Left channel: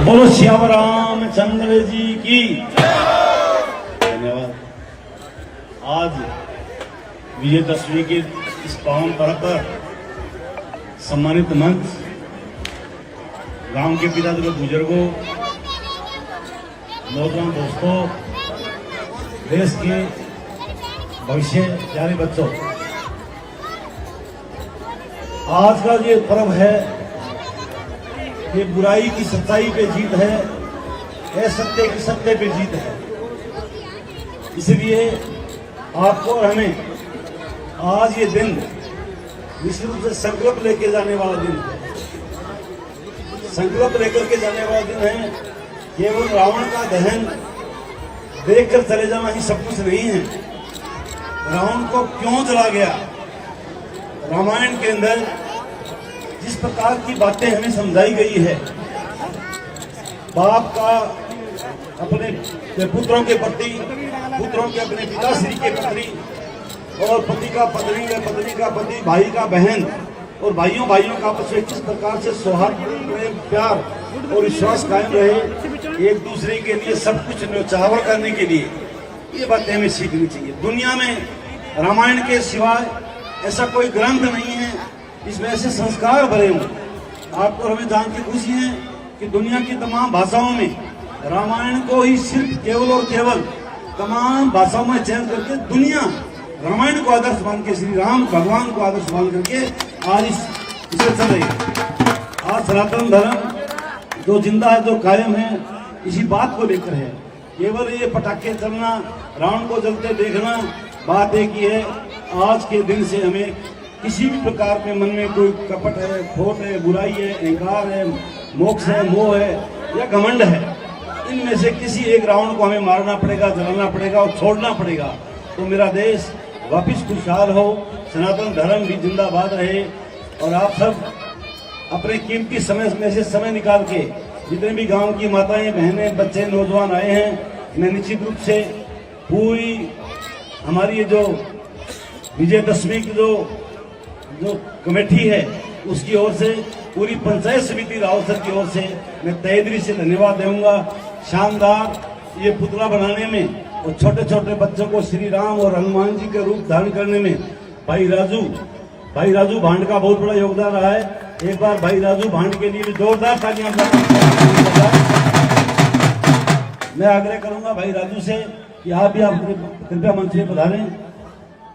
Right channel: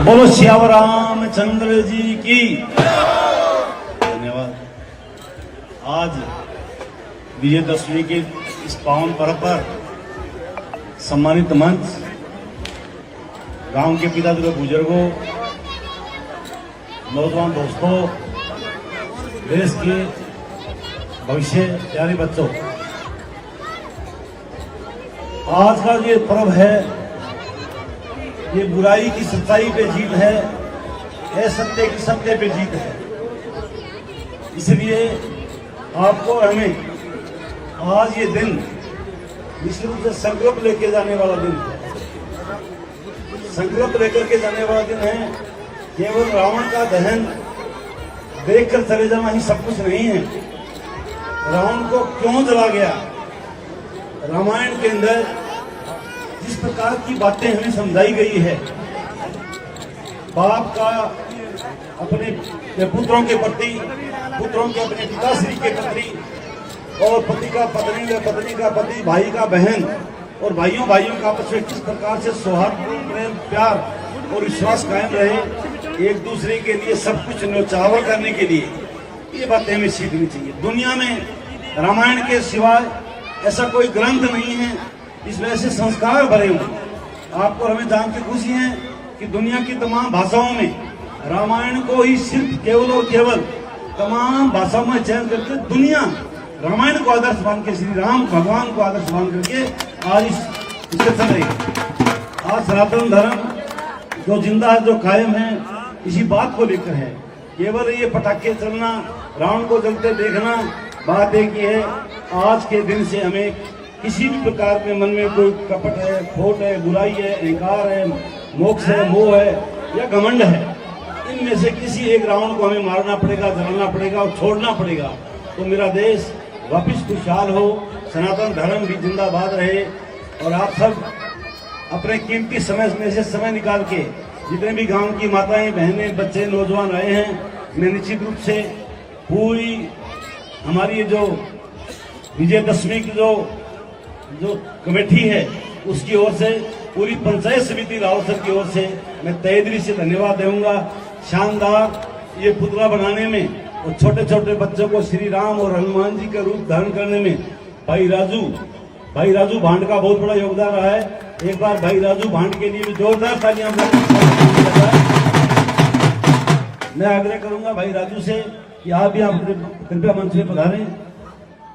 बोलो श्यावर रामचंद्र जी की धन्यवाद। आज विजयदशमी के इस पावन पर्व पर सम्मानित मंच, गांव के पिताजी बुजुर्गों, नौजवान दोस्तों, देश के भविष्य प्यारे बच्चों, आज का ये पर्व है, ये बुराई की सच्चाई पे जीत है, असत्य की सत्य पे जीत है। इसलिए आपको और हमें आज ये दिन निश्चित रूप से संकल्प लेके जाने वाला दिन है। संकल्प लेकर के जाने वाला दिन है। केवल रावण का दहन देखकर चले जाना ही सब कुछ नहीं है। रावण को क्यों जला गया, रामायण के अंदर जिस प्रकार की बातें हमें समझाई गई है, बाप का अपने पुत्रों के प्रति, पुत्रों के अपने पिताश्री के प्रति, और पति का पत्नी या पत्नी का पति, भाई का बहन, और भाइयों का आपस में किस प्रकार से सौहार्द, प्रेम, प्यार और विश्वास कायम रहे, एक दूसरे के लिए सब कुछ न्यौछावर करने के लिए, ये बातें हमें सीखनी चाहिए। दुनिया में रामायण के सिवाय ऐसा कोई ग्रंथ नहीं है इसमें ऐसे संस्कार भरे हुए। आपको हमें जान के खुशी है कि दुनिया की तमाम भाषाओं में रामायण को ही सिर्फ केवल और केवल तमाम भाषाओं में चयन करके दुनिया रामायण को आदर्श मान के, श्री राम भगवान को आदर्श मान करके आज इसे चल रही है। आज सनातन धर्म जो जिंदा है, जो कायम है, इसी बात को लेकर है। केवल ये पटाखे चलना, रावण को जलते देखना बात एक ही है। आज के दिन से हमें किसी भी प्रकार में मन में कोई कपट है, खोट है, बुराई है, अहंकार है, मोक्ष है, मोह है या घमंड है, इनमें से किसी एक रावण को हमें मारना पड़ेगा, जलाना पड़ेगा और छोड़ना पड़ेगा। तो मेरा देश वापिस खुशहाल हो, सनातन धर्म भी जिंदाबाद रहे। और आप सब अपने कीमती समय में से समय निकाल के जितने भी गांव की माताएं, बहनें, बच्चे, नौजवान आए हैं, मैं निश्चित रूप से पूरी हमारी ये जो विजयदशमी की जो कमेटी है उसकी ओर से, पूरी पंचायत समिति रावसर की ओर से मैं तहे दिल से धन्यवाद दूंगा। शानदार ये पुतला बनाने में और छोटे छोटे बच्चों को श्री राम और हनुमान जी का रूप धारण करने में भाई राजू भांड का बहुत बड़ा योगदान रहा है। एक बार भाई राजू भांड के लिए भी जोरदार तालियां। मैं आग्रह करूंगा भाई राजू से कि आप भी कृपया मंच में पधारें।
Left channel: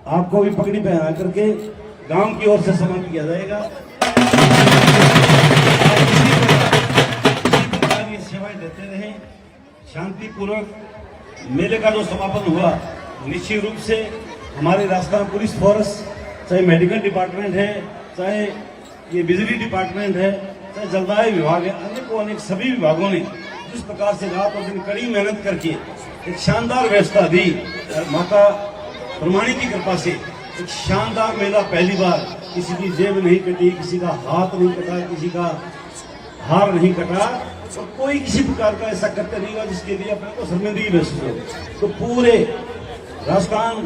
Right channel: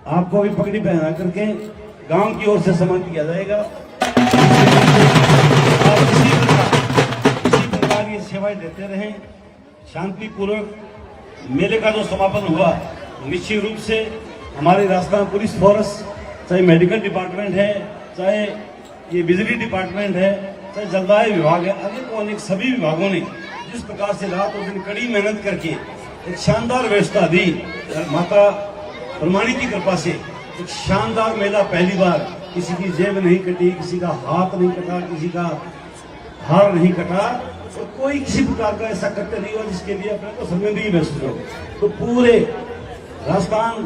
आपको भी पगड़ी पहना करके गांव की ओर से सम्मान किया जाएगा। ये सेवाएं देते रहे। शांतिपूर्वक मेले का जो समापन हुआ, निश्चित रूप से हमारे राजस्थान पुलिस फोर्स, चाहे मेडिकल डिपार्टमेंट है, चाहे ये बिजली डिपार्टमेंट है, चाहे जलदाय विभाग है, अनेक सभी विभागों ने जिस प्रकार से रात और दिन कड़ी मेहनत करके एक शानदार व्यवस्था दी। माता प्रमाणी की कृपा से एक शानदार मेला पहली बार, किसी की जेब नहीं कटी, किसी का हाथ नहीं कटा, किसी का हार नहीं कटा, और कोई किसी प्रकार का ऐसा कृत्य नहीं हुआ जिसके लिए अपने को संवेदनशील महसूस हो। तो पूरे राजस्थान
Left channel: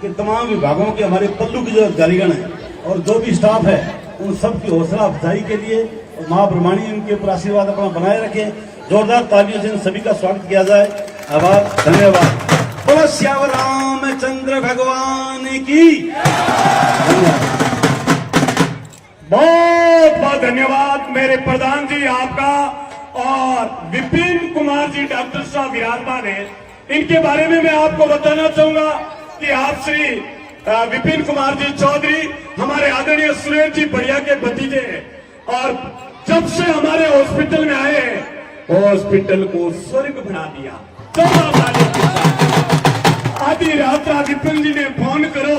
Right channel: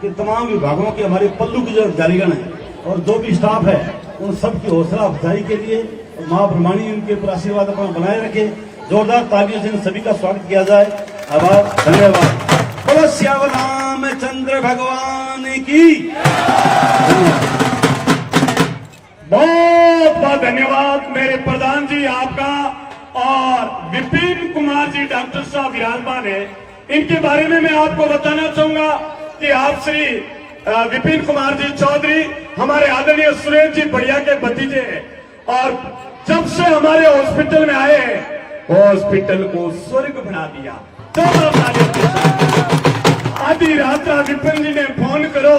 के तमाम विभागों के हमारे पल्लू के जो अधिकारीगण है और जो भी स्टाफ है, उन सब की हौसला अफजाई के लिए मां ब्रह्माणी उनके ऊपर आशीर्वाद अपना बनाए रखे। जोरदार तालियों से सभी का स्वागत किया जाए। आभार, धन्यवाद। बोलो श्यावर रामचंद्र भगवान की। बहुत बहुत धन्यवाद मेरे प्रधान जी आपका। और विपिन कुमार जी डॉक्टर साहब विराजमान है, इनके बारे में मैं आपको बताना चाहूंगा कि आप श्री विपिन कुमार जी चौधरी हमारे आदरणीय सुरेश जी बढ़िया के भतीजे हैं, और जब से हमारे हॉस्पिटल में आए हैं, हॉस्पिटल को स्वर्ग बना दिया। आधी रात विपिन जी ने फोन करो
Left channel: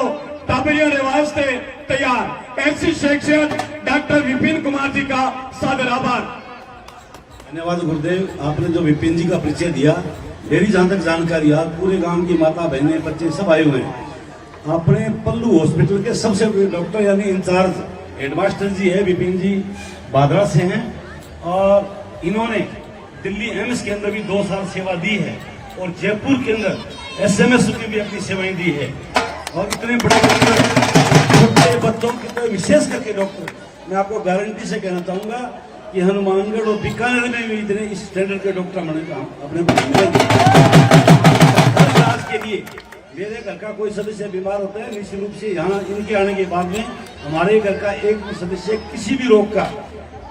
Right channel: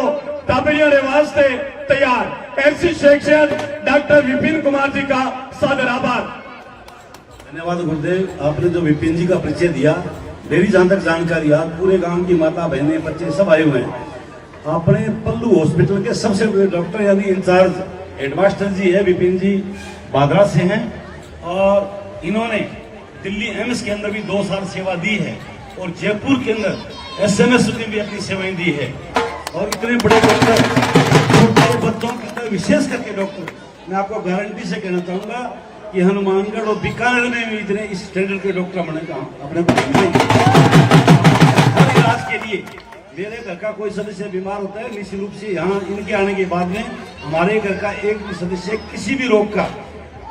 ताबैया वास्ते तैयार। ऐसी शख्सियत डॉक्टर विपिन कुमार जी का सादर आभार। धन्यवाद गुरुदेव, आपने जो विपिन जी का परिचय दिया, मेरी जहां तक जानकारी, आज पूरे गांव की माता बहनें बच्चे सब आए हुए हैं। अपने पल्लू हॉस्पिटल के सबसे बड़े डॉक्टर यानी इंचार्ज हेडमास्टर जी है, विपिन जी बादरा से हैं, और इन्होंने दिल्ली एम्स के अंदर भी 2 साल सेवा दी है, और जयपुर के अंदर SMS में भी अपनी सेवाएं दी है। और इतने बड़े डॉक्टर, बच्चों के विशेष करके डॉक्टर, मैं आपको गारंटी से कहना चाहूंगा कि हनुमानगढ़ और बीकानेर में भी इतने इस स्टैंडर्ड के डॉक्टर मैंने कहा अपने को मिलेंगे। हर इलाज के लिए मेरे घर का कोई सदस्य बीमार होता है, निश्चित रूप से यहाँ उनके आने के बाद में हमारे घर का एक भी सदस्य किसी भी रोग का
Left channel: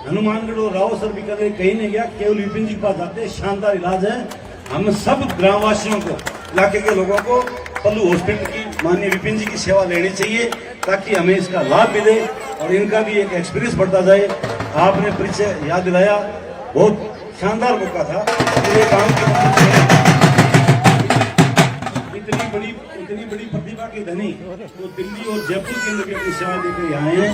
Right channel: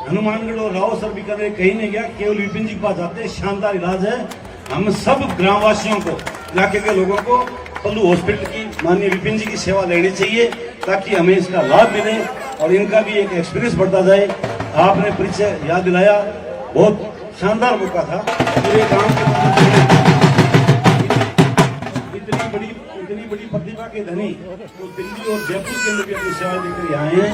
हनुमानगढ़ और राव सर बीकानेर कहीं नहीं गया, केवल विपिन जी के पास जाते हैं। शानदार इलाज है। हम सब ग्रामवासियों को, इलाके के लोगों को पल्लू हॉस्पिटल की माननीय विपिन जी की सेवा लेनी चाहिए ताकि हमें इसका लाभ मिले और इनका भी एक एक्सपीरियंस बढ़ता जाए। आपने परिचय याद दिलाया, बहुत शानदार मौका था। मेरे गांव के इतनी बड़ी प्रतिभा के धनी तो दिल्ली और जयपुर के अंदर भी अपनी सेवा देकर आए हैं।